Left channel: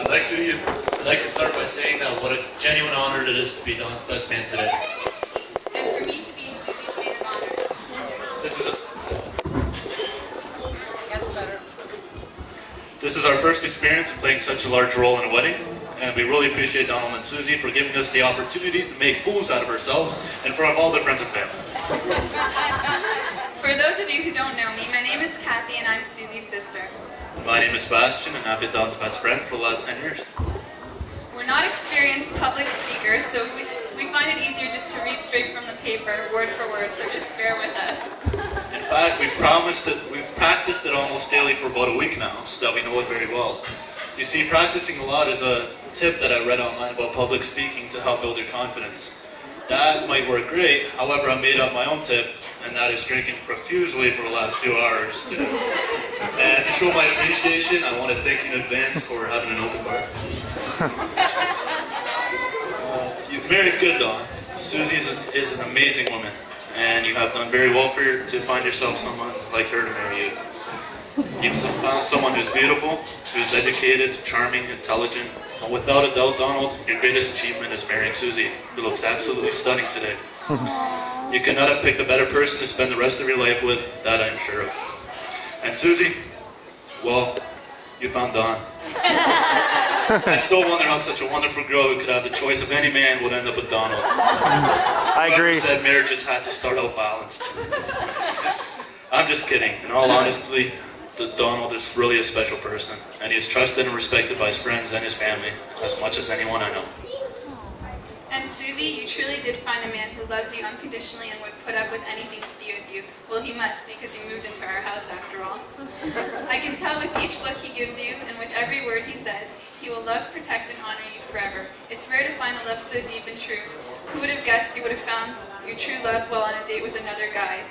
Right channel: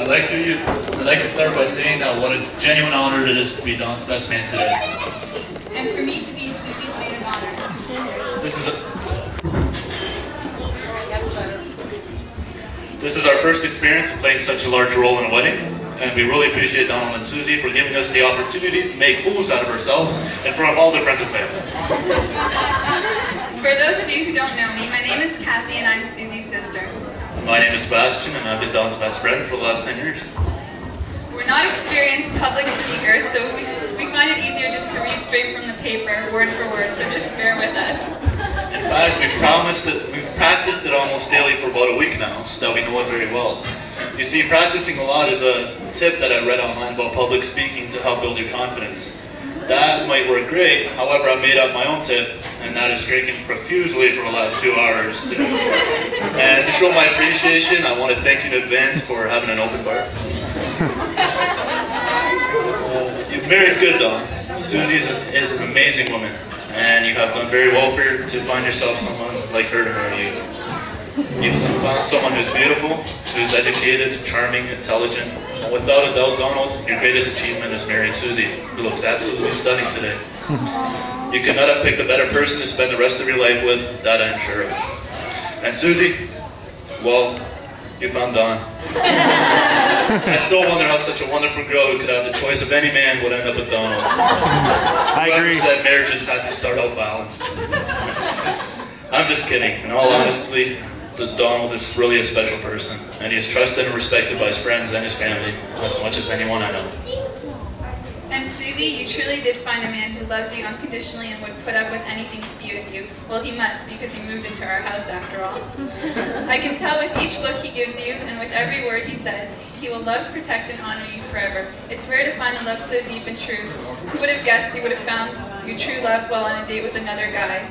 I'd like to start by saying that what a genuine honor it is to be Don's best man today. And for me to be Susie's maid of honor. This is our first experience in playing such a large role in a wedding, and we really appreciate Donald and Susie for giving us the opportunity to make fools out of ourselves in front of all their friends and family. For those of you who don't know me, my name is Kathy and I'm Susie's sister. My name is Sebastian and I've been Don's best friend for the last 10 years. We're not experienced public speakers, so we find it easier just to read straight from the paper, word for word, so just bear with us. In fact, we've practiced it almost daily for about a week now, so that we know it very well. You see, practicing a lot is a tip that I read online about public speaking to help build your confidence. That might work great, however, I made up my own tip, and that is drinking profusely for the last 2 hours today. And to show my appreciation, I want to thank you in advance for having an open bar. You've married good, Don. Susie is an amazing woman, and you have done very well to find yourself someone like her to marry you. You've found someone who's beautiful, who's educated, charming, intelligent, and without a doubt, Donald, your greatest achievement is marrying Susie, who looks absolutely stunning today. You could not have picked a better person to spend the rest of your life with, that I'm sure of. And Susie, well, you found Don. I still wonder how such a wonderful girl who could have the choice of any man would end up with Donald. Whoever said marriages had to start out balanced. I'm just kidding. In all honesty, Donald is really a special person, and he is trusted and respected by his friends and his family as much as anyone I know. And Susie, you truly did find a man who loves you unconditionally and would put up with anything to be with you. Well, he must, because he moved into our house after all. I can tell with each look he gives you, and with every word he says, he will love, protect, and honor you forever. It's rare to find a love so deep and true. Who would have guessed you would have found your true love while on a date with another guy?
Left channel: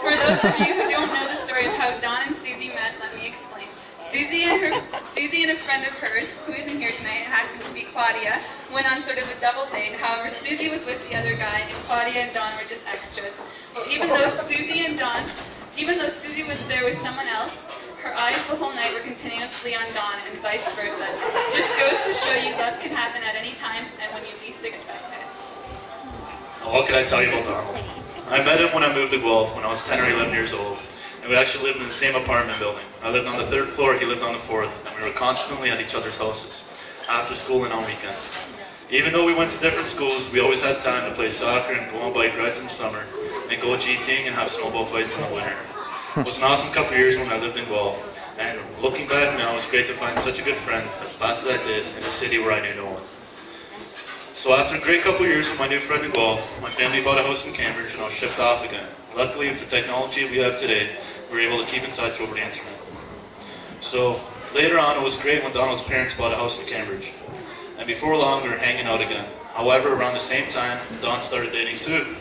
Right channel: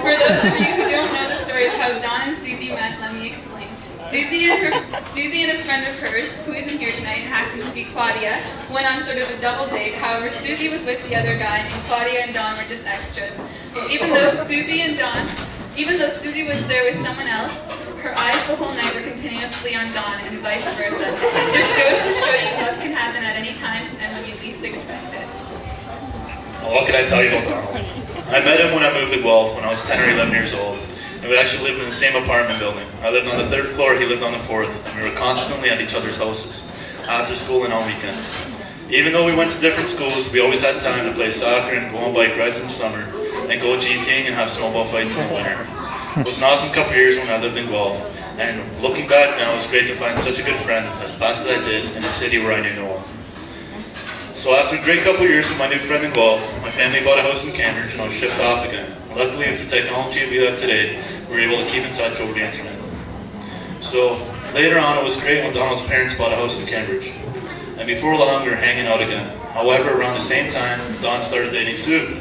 For those of you who don't know the story of how Don and Susie met, let me explain. Susie and a friend of hers, who isn't here tonight and happens to be Claudia, went on sort of a double date. However, Susie was with the other guy, and Claudia and Don were just extras. Well, even though Susie was there with someone else, her eyes the whole night were continuously on Don, and vice versa. It just goes to show you love can happen at any time and when you least expect it. Well, what can I tell you about Donald? I met him when I moved to Guelph when I was 10 or 11 years old. And we actually lived in the same apartment building. I lived on the 3rd floor, he lived on the 4th, and we were constantly at each other's houses, after school and on weekends. Even though we went to different schools, we always had time to play soccer and go on bike rides in the summer, and go GTing and have snowball fights in the winter. It was an awesome couple of years when I lived in Guelph, and looking back now, it's great to find such a good friend, as fast as I did, in a city where I knew no one. So after a great couple of years with my new friend in Guelph, my family bought a house in Cambridge and I was shipped off again. Luckily, with the technology we have today, we were able to keep in touch over the internet. So later on, it was great when Donald's parents bought a house in Cambridge. And before long, we were hanging out again. However, around the same time, Don started dating Sue.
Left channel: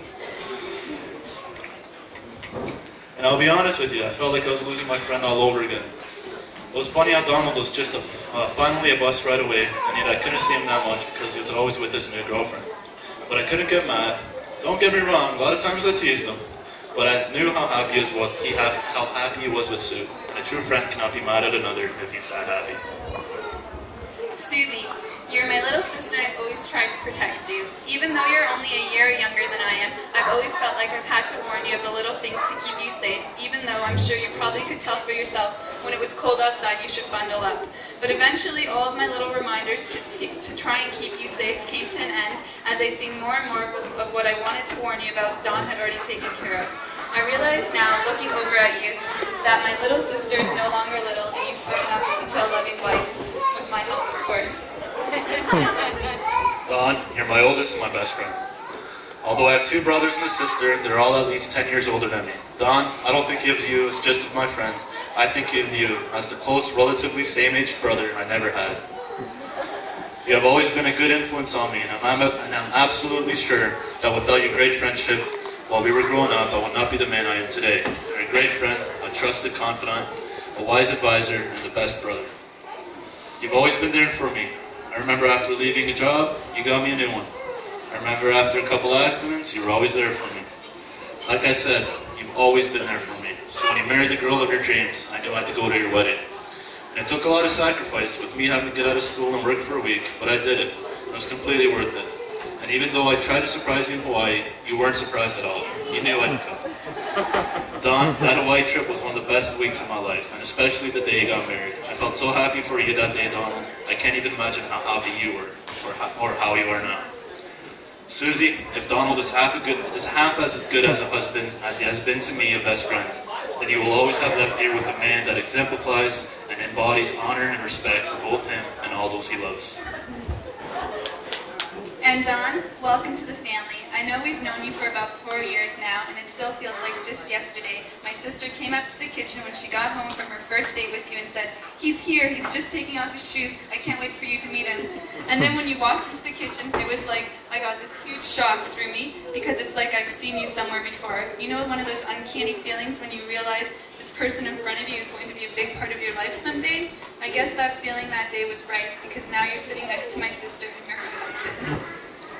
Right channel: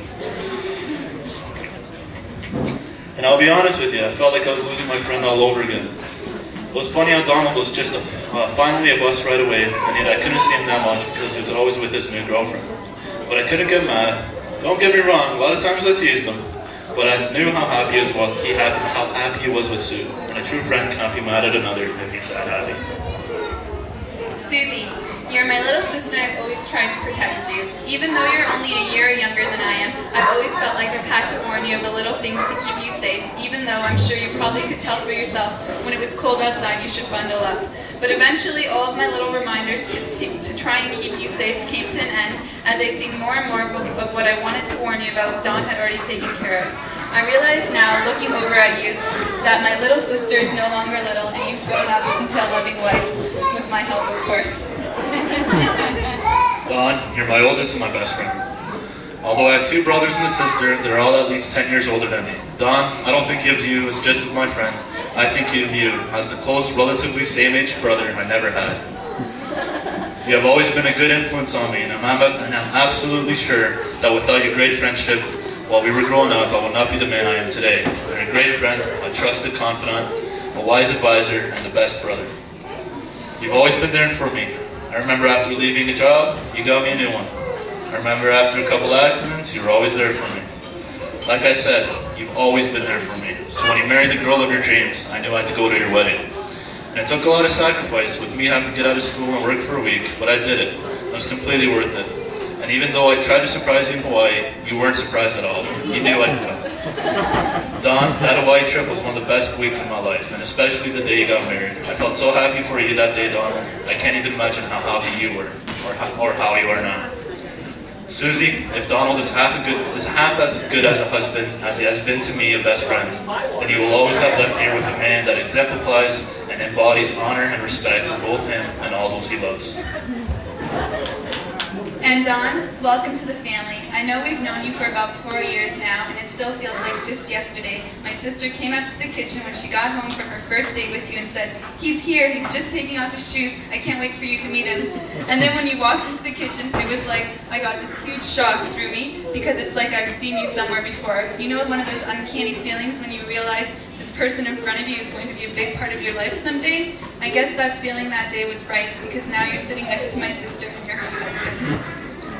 And I'll be honest with you, I felt like I was losing my friend all over again. It was funny how Donald was just finally a bus ride away, and yet I couldn't see him that much because he was always with his new girlfriend. But I couldn't get mad. Don't get me wrong, a lot of times I teased him. But I knew how happy he was with Sue, and a true friend cannot be mad at another if he's that happy. Susie, you're my little sister and I've always tried to protect you. Even though you're only a year younger than I am, I've always felt like I've had to warn you of the little things to keep you safe, even though I'm sure you probably could tell for yourself when it was cold outside you should bundle up. But eventually all of my little reminders to try and keep you safe came to an end as I see more and more of what I wanted to warn you about Don had already taken care of. I realize now, looking over at you, that my little sister is no longer little and you've grown up into a loving wife, with my help of course. Don, you're my oldest and my best friend. Although I have 2 brothers and a sister, they're all at least 10 years older than me. Don, I don't think of you as just my friend. I think of you as the close, relatively same-age brother I never had. You have always been a good influence on me, and I'm absolutely sure that without your great friendship, while we were growing up, I would not be the man I am today. You're a great friend, a trusted confidant, a wise advisor, and the best brother. You've always been there for me. I remember after leaving a job, you got me a new one. I remember after a couple accidents, you were always there for me. Like I said, you've always been there for me. So when you married the girl of your dreams, I knew I had to go to your wedding. And it took a lot of sacrifice with me having to get out of school and work for a week, but I did it. It was completely worth it. And even though I tried to surprise you in Hawaii, you weren't surprised at all. You knew I'd come. Don, that Hawaii trip was one of the best weeks of my life, and especially the day you got married. I felt so happy for you that day, Donald. I can't even imagine how happy you were, or how you are now. Susie, if Donald is half as good as a husband as he has been to me, a best friend, then you will always have left here with a man that exemplifies and embodies honor and respect for both him and all those he loves. And Don, welcome to the family. I know we've known you for about 4 years now, and it still feels like just yesterday. My sister came up to the kitchen when she got home from her first date with you and said, "He's here, he's just taking off his shoes. I can't wait for you to meet him." And then when you walked into the kitchen, it was like I got this huge shock through me, because it's like I've seen you somewhere before. You know, one of those uncanny feelings when you realize this person in front of you is going to be a big part of your life someday? I guess that feeling that day was right, because now you're sitting next to my sister and you're her husband.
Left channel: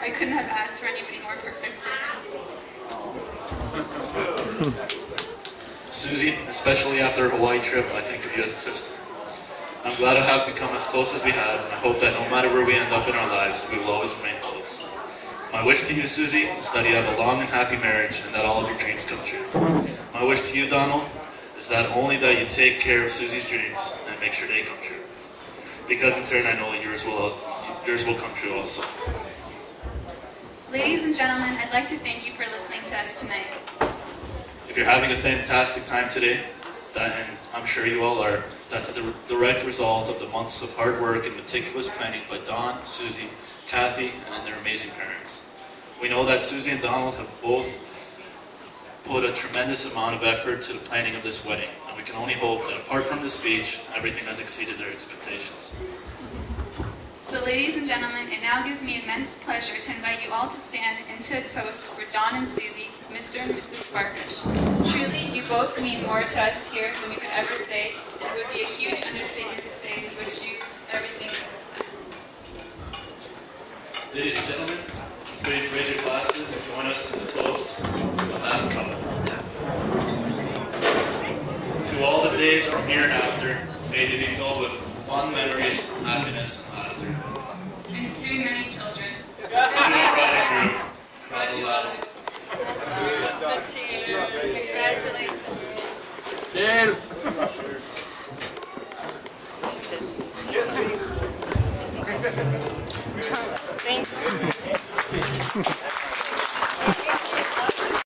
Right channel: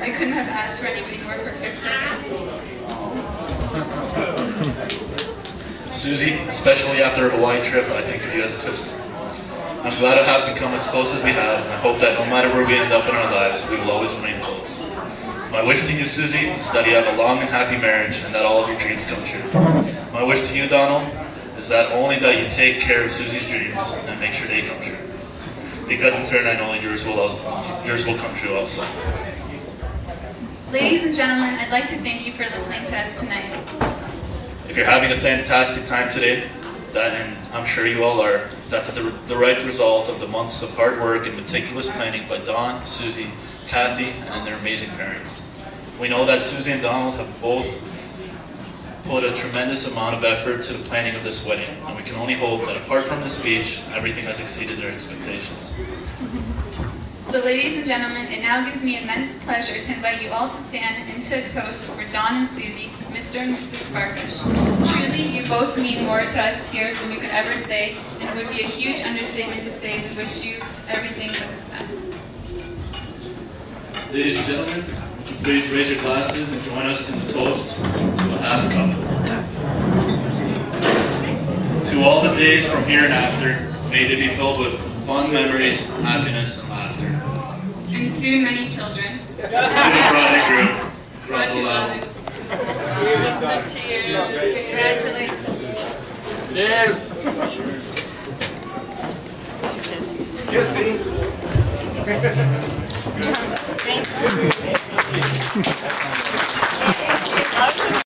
I couldn't have asked for anybody more perfect for her. Susie, especially after a Hawaii trip, I think of you as a sister. I'm glad to have become as close as we have, and I hope that no matter where we end up in our lives, we will always remain close. My wish to you, Susie, is that you have a long and happy marriage and that all of your dreams come true. My wish to you, Donald, is that only that you take care of Susie's dreams and make sure they come true. Because in turn, I know yours will come true also. Ladies and gentlemen, I'd like to thank you for listening to us tonight. If you're having a fantastic time today, and I'm sure you all are, that's the direct result of the months of hard work and meticulous planning by Don, Susie, Kathy, and their amazing parents. We know that Susie and Donald have both put a tremendous amount of effort to the planning of this wedding, and we can only hope that apart from the speech, everything has exceeded their expectations. So ladies and gentlemen, it now gives me immense pleasure to invite you all to stand into a toast for Don and Susie, Mr. and Mrs. Farkash. Truly, you both mean more to us here than we could ever say, and it would be a huge understatement to say we wish you everything but the best. Ladies and gentlemen, would you please raise your glasses and join us in the toast to a happy couple. To all the days from here and after, may they be filled with fun memories, happiness, and laughter. And soon many children. To the bride and groom, throughout the love. Congratulations. Cheers. Thank you.